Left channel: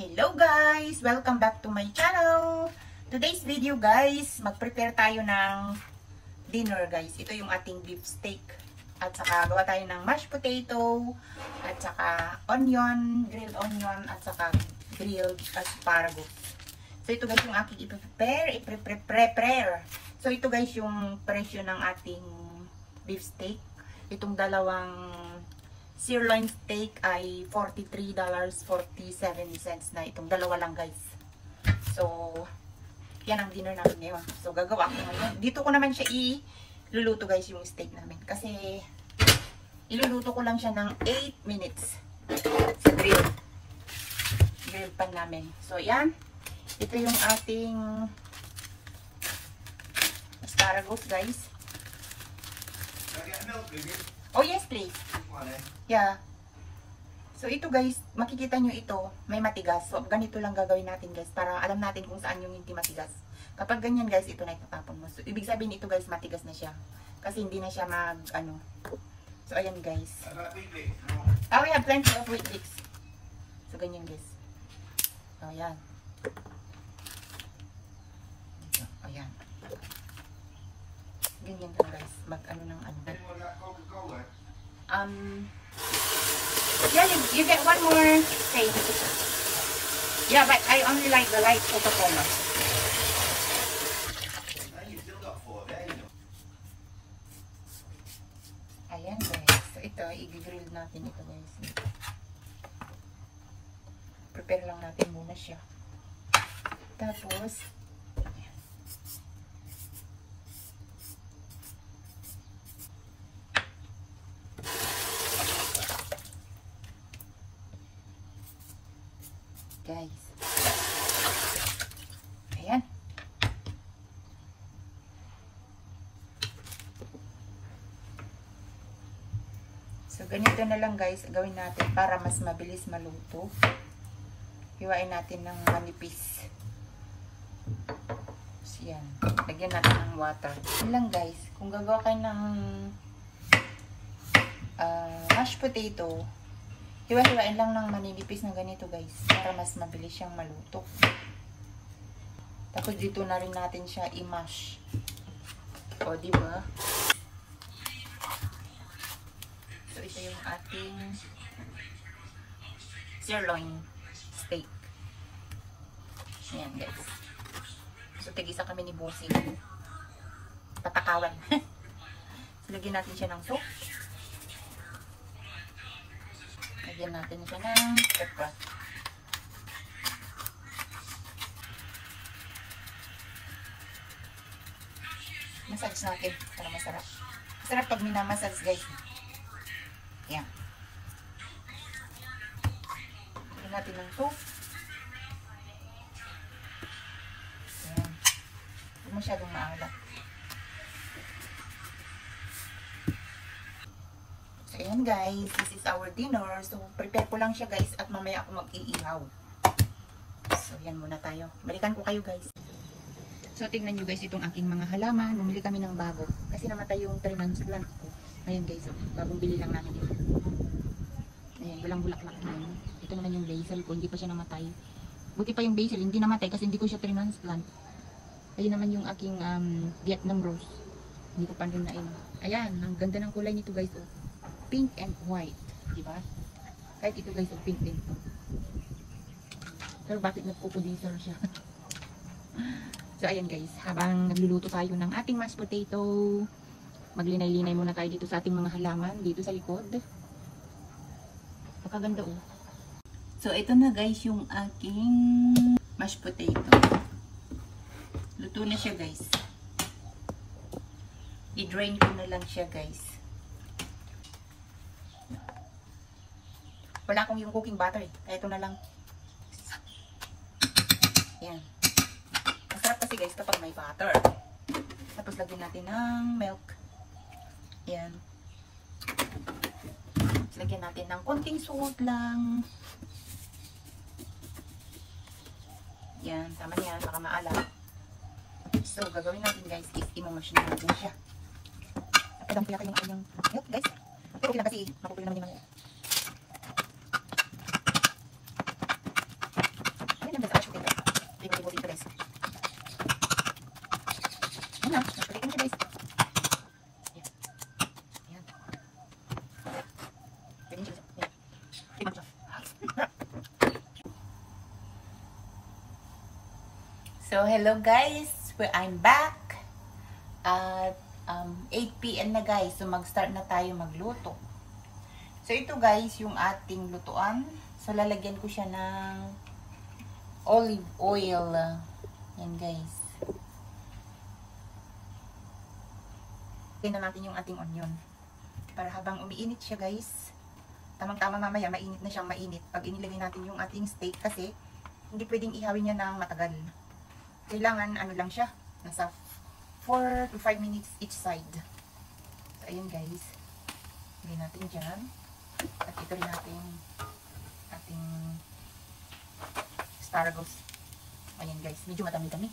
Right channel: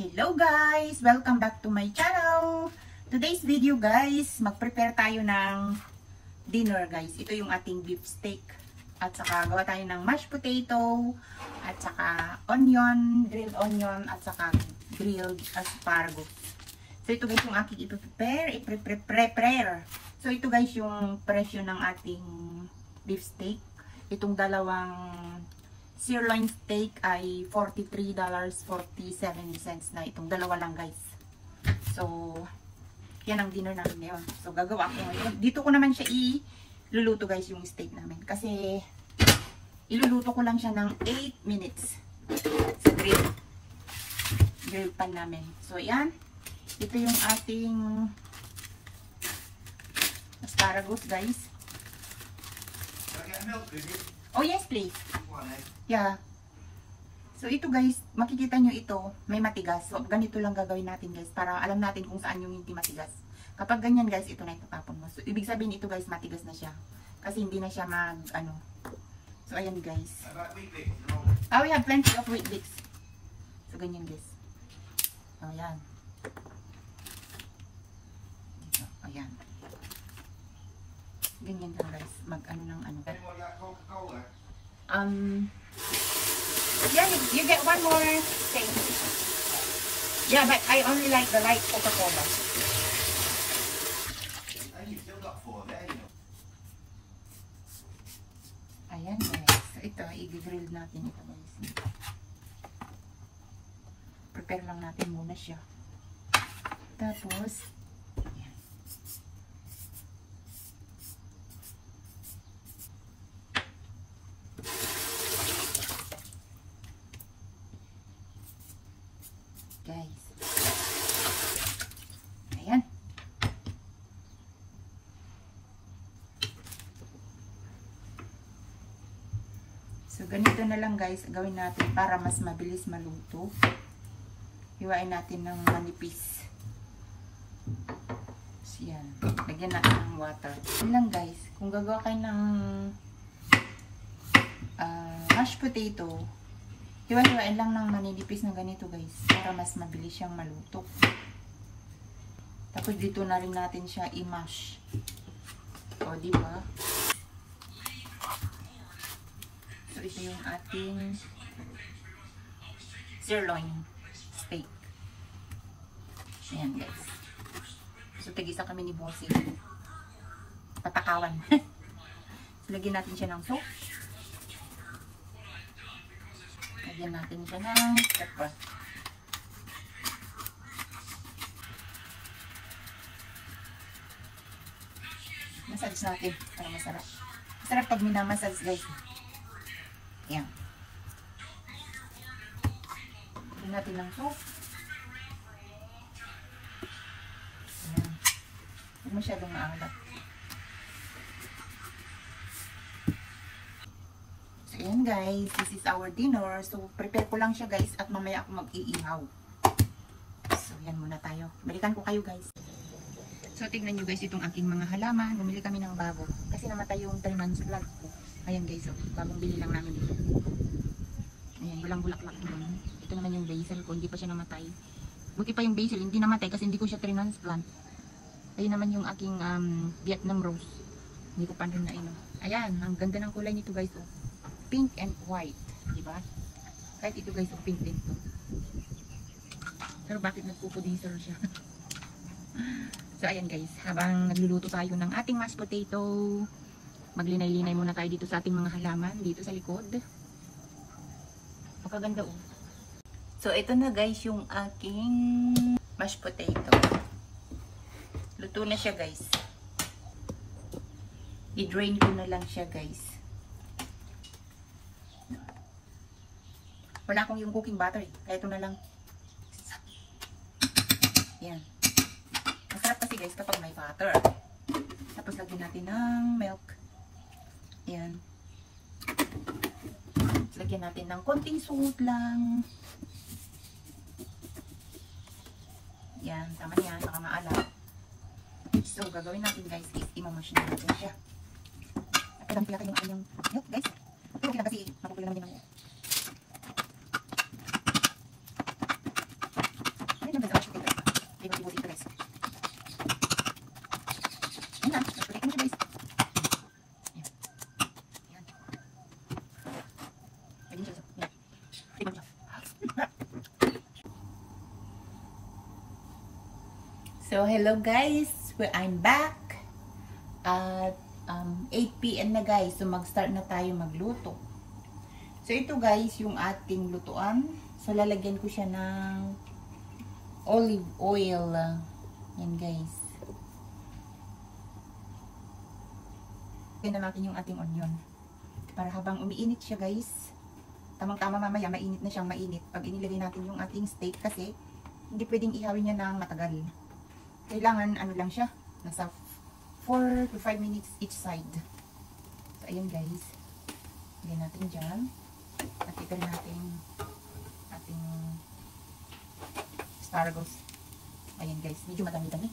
Hello guys! Welcome back to my channel! Today's video guys, mag-prepare tayo ng dinner guys. Ito yung ating beef steak. At saka gawa tayo ng mashed potato, at saka onion, grilled onion, at saka grilled asparagus. So ito guys yung aking i-prepare. So ito guys yung presyo ng ating beef steak. Itong dalawang sirloin steak ay $43.47 na. Itong dalawa lang guys. So, yan ang dinner namin ngayon. So, gagawa ko ngayon. Dito ko naman siya iluluto guys yung steak namin. Kasi, iluluto ko lang siya ng 8 minutes sa grill pan namin. So, yan. Ito yung ating asparagus guys. Oh, yes please. Yeah. So, ito guys, makikita nyo ito, may matigas. So, ganito lang gagawin natin guys, para alam natin kung saan yung hindi matigas. Kapag ganyan guys, ito na itatapon mo. So, ibig sabihin ito guys, matigas na siya. Kasi hindi na siya So, ayan guys. We have plenty of wheat bix. So, ganyan guys. So, ayan. So, ayan. Ganyan lang guys. Yeah, you get one more thing. Yeah, but I only like the light Coca-Cola. Ayan guys. So ito, i-grill natin ito guys. Prepare lang natin muna siya. Tapos, guys. Ayan. So, ganito na lang guys, gawin natin para mas mabilis maluto. Hiwain natin ng manipis. So, yan. Lagyan natin ng water. Yan lang guys. Kung gagawa kayo ng mashed potato, hiwa-hiwain lang ng maninipis na ganito guys, para mas mabilis siyang maluto. Tapos dito na rin natin siya i-mash. O, diba? So, ito yung ating sirloin steak. Ayan guys. So, tigisa kami ni Bossing. Patakawan. So, lagyan natin siya ng soup. Lagyan natin siya ng pepper. Massage natin para masarap. Masarap pag minamassage guys. Ayan. Lagyan natin ng soup. Ayan. Hindi masyadong maalat. So, ayan guys, this is our dinner. So, prepare ko lang siya guys at mamaya ako mag-iihaw. So, yan muna tayo. Balikan ko kayo guys. So, tingnan nyo guys itong aking mga halaman. Bumili kami ng bago. Kasi namatay yung 3 months plant ko. Ayan guys, so, bagong bili lang namin. Ayan, bulang-bulaklak na. Ito naman yung basil ko, hindi pa siya namatay. Buti pa yung basil, hindi namatay kasi hindi ko siya 3 months plant. Ayun naman yung aking Vietnam rose. Hindi ko pa rin na Ayan, ang ganda ng kulay nito guys. Oh. Pink and white, di ba? Kahit ito guys, pink din to. Pero bakit nagpupuding sir siya? So ayan guys, habang nagluluto tayo ng ating mashed potato, maglinay-linay muna tayo dito sa ating mga halaman, dito sa likod. Magaganda oh. So ito na guys yung aking mashed potato. Luto na siya guys. I-drain ko na lang siya guys. Wala akong yung cooking butter eh. Kaya ito na lang. Yan. Masarap kasi guys kapag may butter. Tapos lagyan natin ng milk. Yan. Lagyan natin ng konting salt lang. Yan. Tama yan. Baka maalat. So, gagawin natin guys is imamash na natin siya. Kadang piyakin yung kanyang milk guys. Pero okay lang kasi makukulo naman yung hello guys, I'm back at 8 PM na guys, so mag-start na tayo magluto. So ito guys, yung ating lutuan. So lalagyan ko siya ng olive oil. Yan guys. Tignan natin yung ating onion. Para habang umiinit siya guys, tamang-tama mamaya mainit na siyang mainit. Pag inilagay natin yung ating steak kasi hindi pwedeng ihawin niya ng matagal. Kailangan ano lang siya, nasa 4 to 5 minutes each side. So ayan guys, lagyan natin dyan. At ito rin natin ating asparagus. Ayan guys, medyo madami-dami.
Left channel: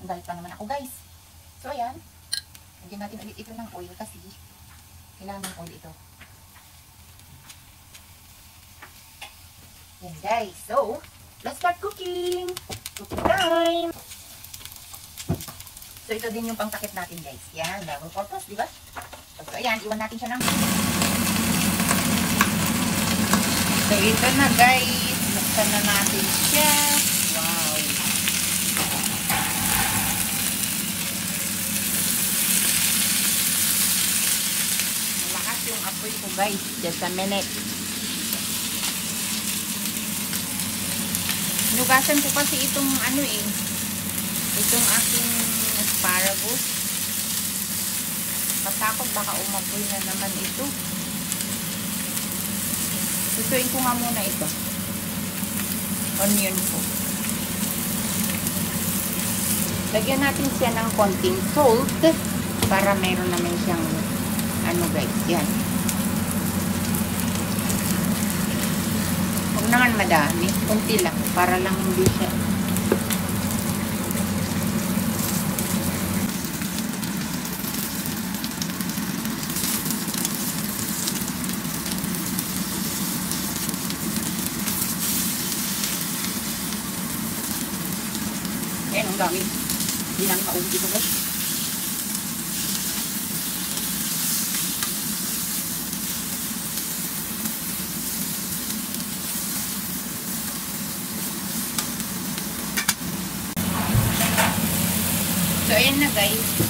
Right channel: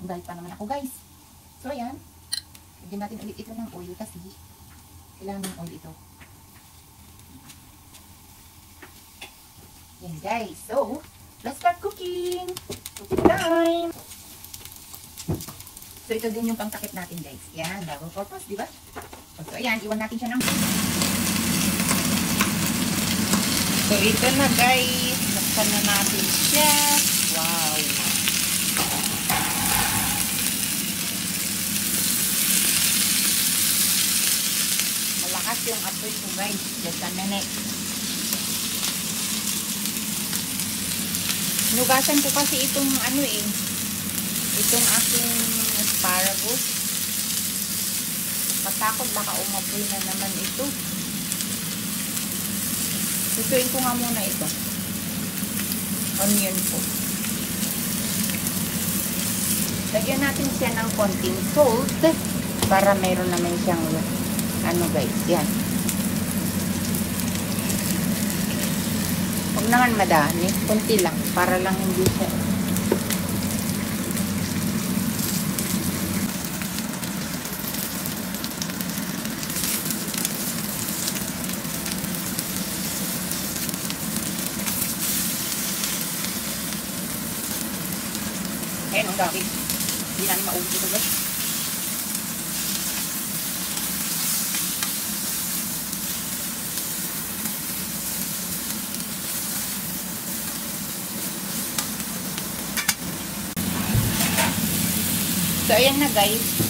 Dahil pa naman ako guys. So ayan, lagyan natin ulit ito ng oil kasi kailangan ng oil ito. Ayan guys, so let's start cooking! Cooking time! So, ito din yung pangtakip natin guys. Yan, double purpose, di ba? So, ayan, iwan natin siya ng... So, ito na guys. Buksan na natin siya. Wow! Malakas yung apoy ko guys. Just a minute. Nugasan ko kasi itong ano itong aking asparagus. Patakot baka umapoy na naman ito. Susuin ko nga muna ito. Onion ko. Lagyan natin siya ng konting salt para mayroon naman siyang ano guys, yan. Huwag naman madami, kunti lang para lang hindi siya. Kaya ang dami. Hindi namin maunti na guys. So, ayan na guys.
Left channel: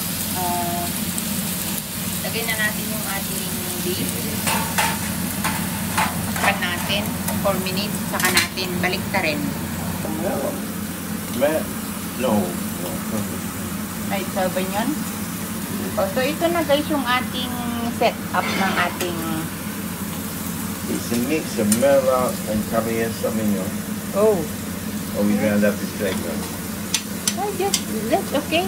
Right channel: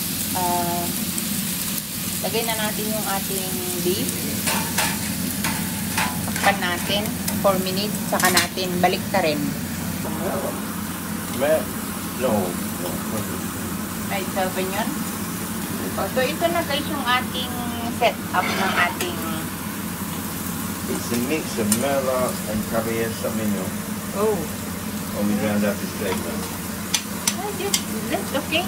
Lagay na natin yung ating beef. Takpan natin. 4 minutes. Saka natin balik ta rin. Right, 7 yan. So, ito na guys yung ating set up ng ating... It's a mix of Merlot and Cabernet Sauvignon. Oh. And we ground up this flavor. Oh, yes. That's okay.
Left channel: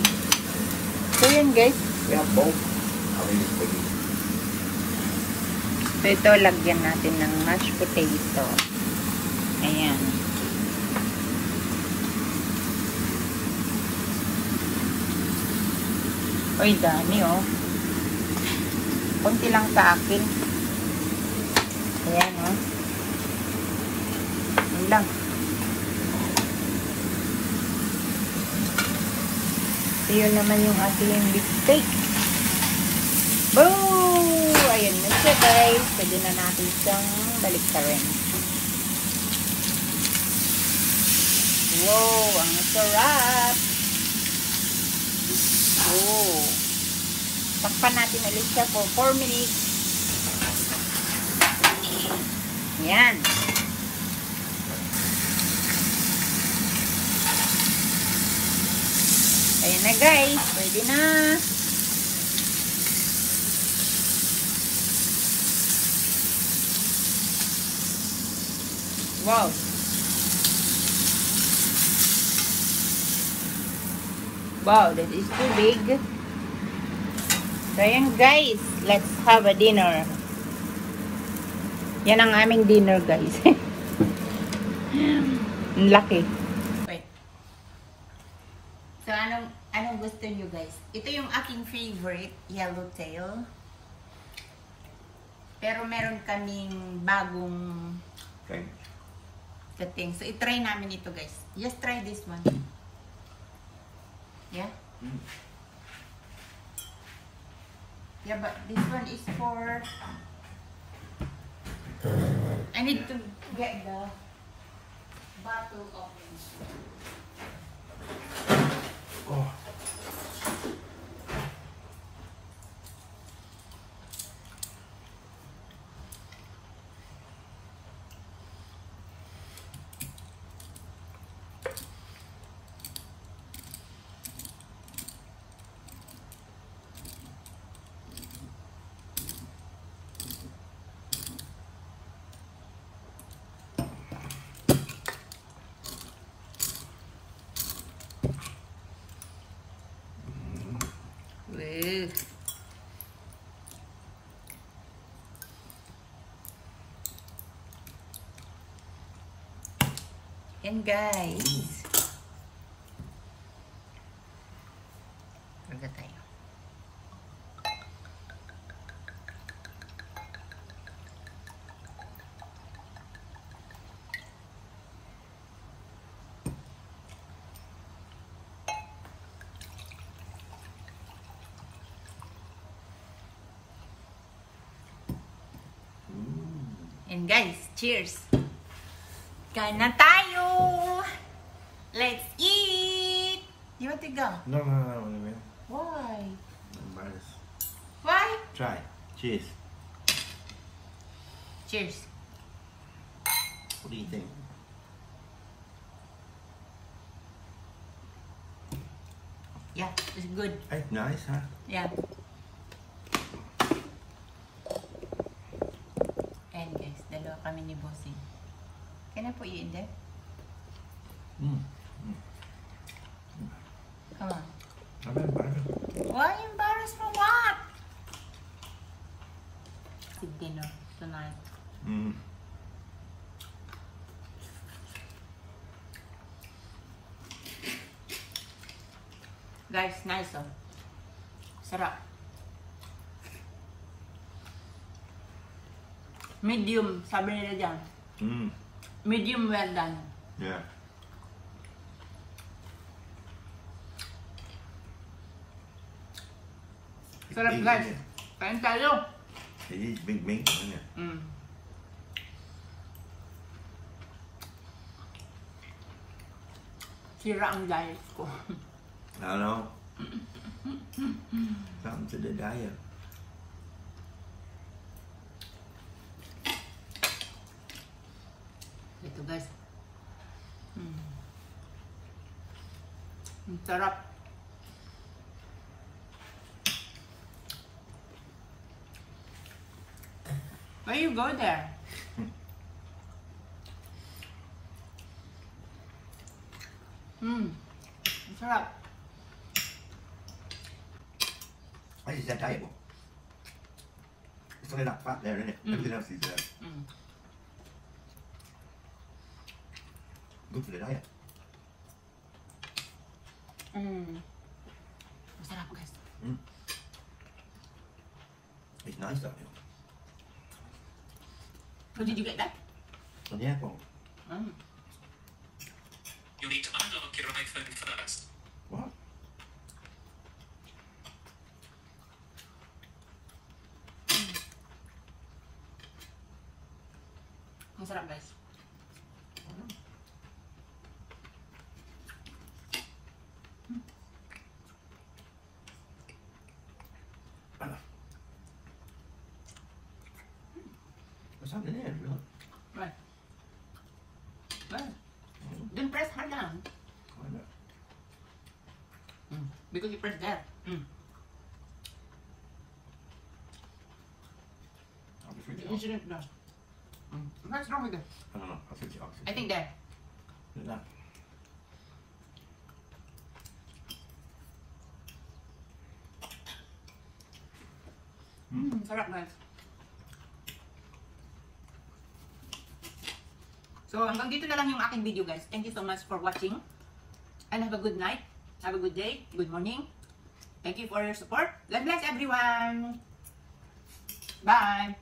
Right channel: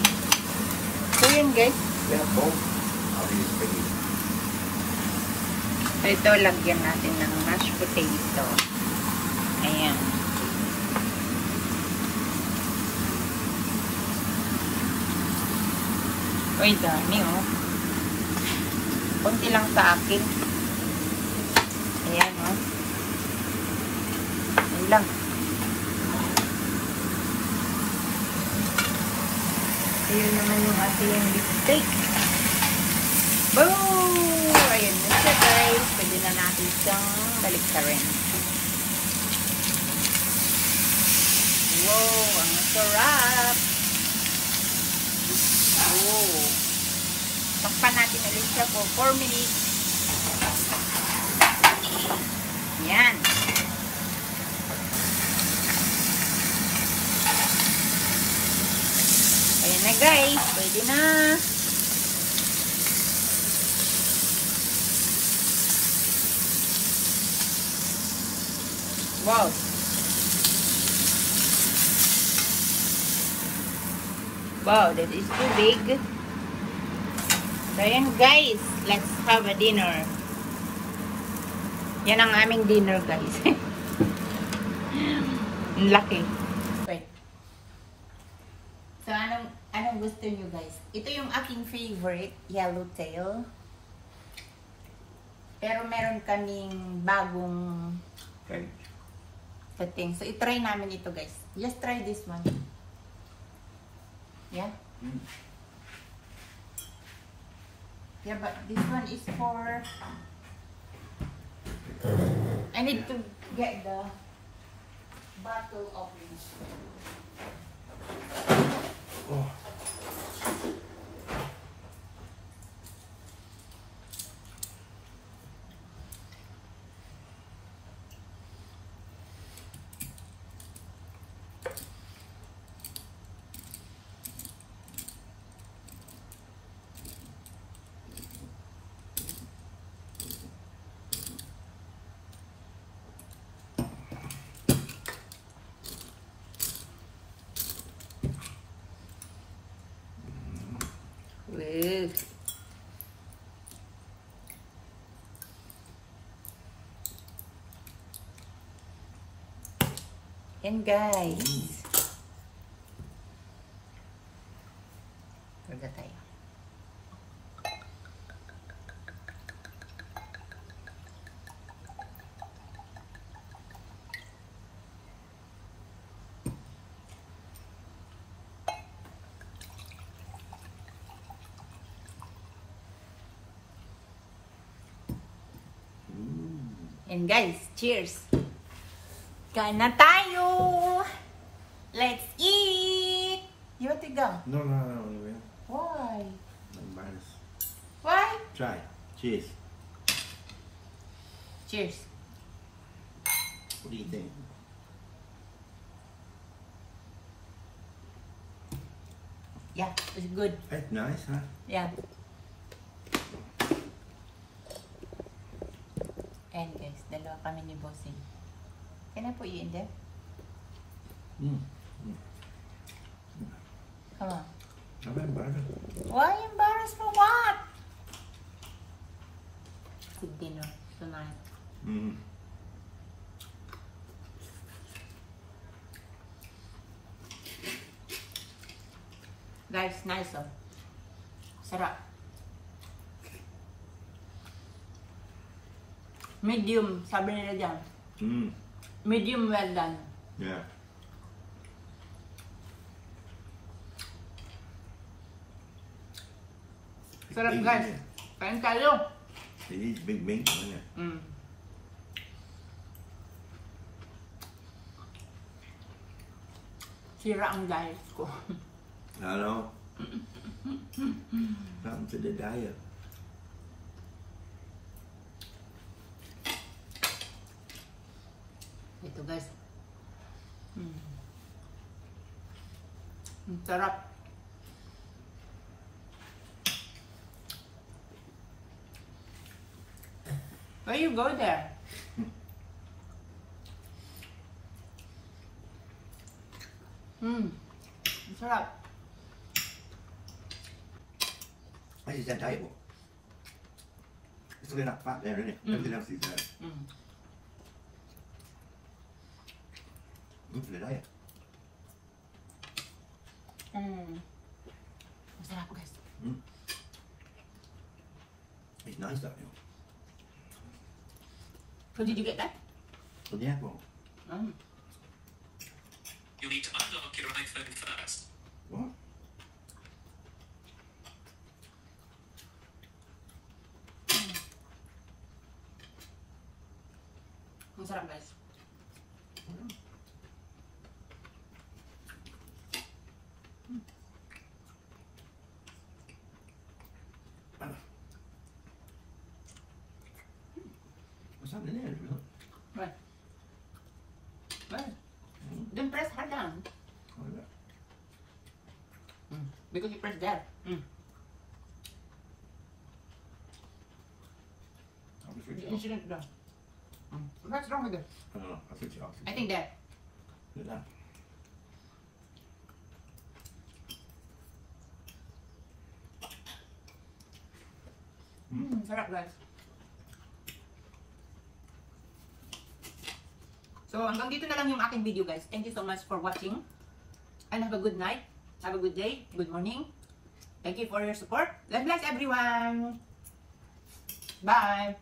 So, yan guys. Yeah, both. So, ito, lagyan natin ng mashed potato. Ayan. Uy, dami oh. Kunti lang sa akin. Ayan oh. Yan lang. Ayun naman yung ating beef steak. Boom! Ayan na siya guys. Pwede na natin siyang balik sa rin. Wow! Ang sarap! Oh! Takpan natin ulit siya for 4 minutes. Yan! Ayan na guys, pwede na. Wow. Wow, that is too big. So ayan guys, let's have a dinner. Yan ang aming dinner guys. Ang laki. So, anong gusto nyo guys? Ito yung aking favorite, yellowtail. Pero meron kaming bagong setting. So, itry namin ito guys. Just try this one. Yeah? Yeah, but this one is for... I need to get the bottle opening. Oh. Well. Yan guys. Karga tayo. And guys, cheers! Kain na tayo! Let's eat! You want to go? No, no, no, no, no. Why? Embarrassed. Why? Try. Cheers. Cheers! What do you think? Yeah, it's good. It's nice, huh? Yeah. And guys, dalawa kami ni Bossing. Can I put you in there? Come on. I'm embarrassed. Why embarrassed for what? Good dinner tonight. Guys, nice oh. Sarap. Medium, sabi nila dyan. Medium well done. Yeah. Sarap guys. Kain tayo. It is big meat, isn't it? Sira ang diet ko. I know. Something to the diet. Ito guys. Ang sarap. Why you go there? Ang sarap. What is that diet? It's only not fat there, isn't it? Everything else is there. Good for the diet. Ang sarap guys. It's nice though, you know. So did you get that? From the apple. You need to unlock your iPhone first. What? Ang sarap guys. What's happening there, really? Right. Right. Then press hard down. Because you press there. I'll be freaking You off. shouldn't do. What's wrong with it? I don't know. I'll switch it off. I think there. Do that. Sarap guys. So hanggang dito na lang yung aking video guys. Thank you so much for watching. And have a good night. Have a good day. Good morning. Thank you for your support. God bless everyone. Bye.